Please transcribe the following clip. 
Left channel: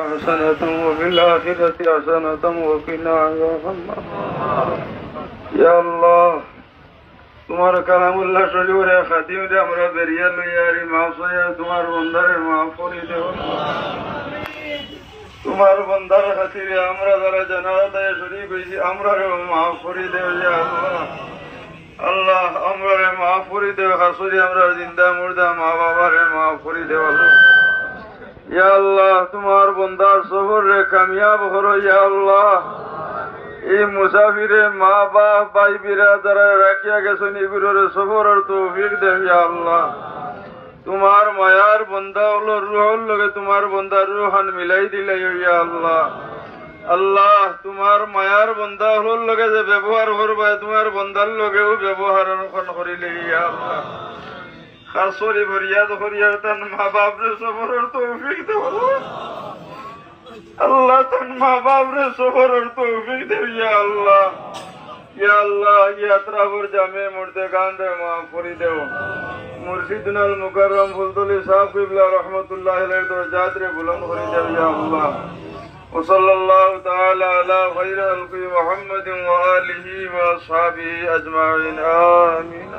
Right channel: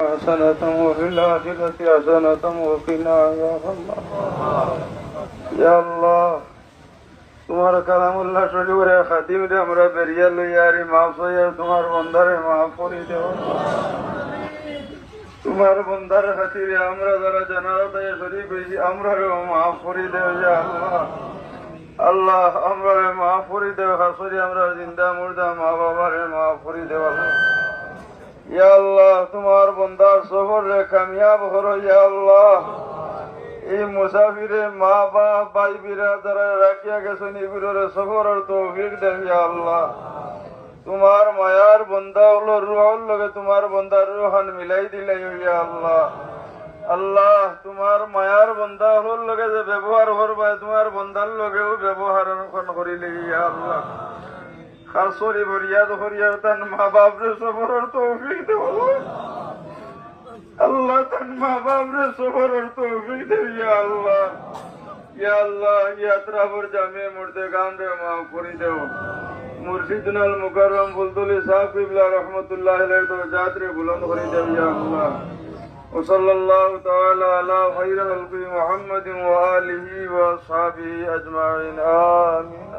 حسنة وفي الآخرة حسنة وقنا عذاب النار يا الله তোমার কালামুল্লাহ শরীফের খাতিম রে আমরা বেরিয়া লইয়ারি মাফ হইয়া তোমার বন্দারে মাফ করে দেও তোমার বন্দার খাতিরে আমরা যারা জানাজাতে শরীক হইছি আমরারে মাফ করে দেও ইয়া আল্লাহ আল্লাহ আমরারে মাফ করে দেও হাসুরি আমরা জিন্দা মুর্দা মা বাবারে মাফ করে দেও ইয়া আল্লাহ তোমার বন্দার সফর রে কামিয়াব করো ইয়া আল্লাহ এই মুসাফিরে মা বাপ ভাই বিরাদারা রাখিয়া গেছেন এগুলোর সফরের তৌফিক দেও ইয়া আল্লাহ তোমার মায়ার বন্দা হলো রুহর লগে তোমার বন্দার রুহান মিলাই দিলে ইয়া আল্লাহ আল্লাহ তোমার মায়ার বন্দা হলোর লগে যে ব্যবহার করবা তোমার বন্দার লগেও ব্যবহার করিলে ইয়া আল্লাহ খাসরি ফরিয়াদ করিয়া তান মা বাপরে সফরের তৌফিক দেও আল্লাহ তান মা বাপরে সফরের তৌফিক দেও ইয়া আল্লাহ ইয়াত্রাপুর জামে মুর্দে গান রে মাফ করে দেও মুর্শিদুল মুকাররম ফুলতুলি সাহেব কিবলা রাহমাতুল্লাহ আলাইহি দরজাত রে বুলন্দ করে দেও ইয়া আল্লাহ وصلى الله تعالى على خير خلق محمد وآله وأصحابه أجمعين آمين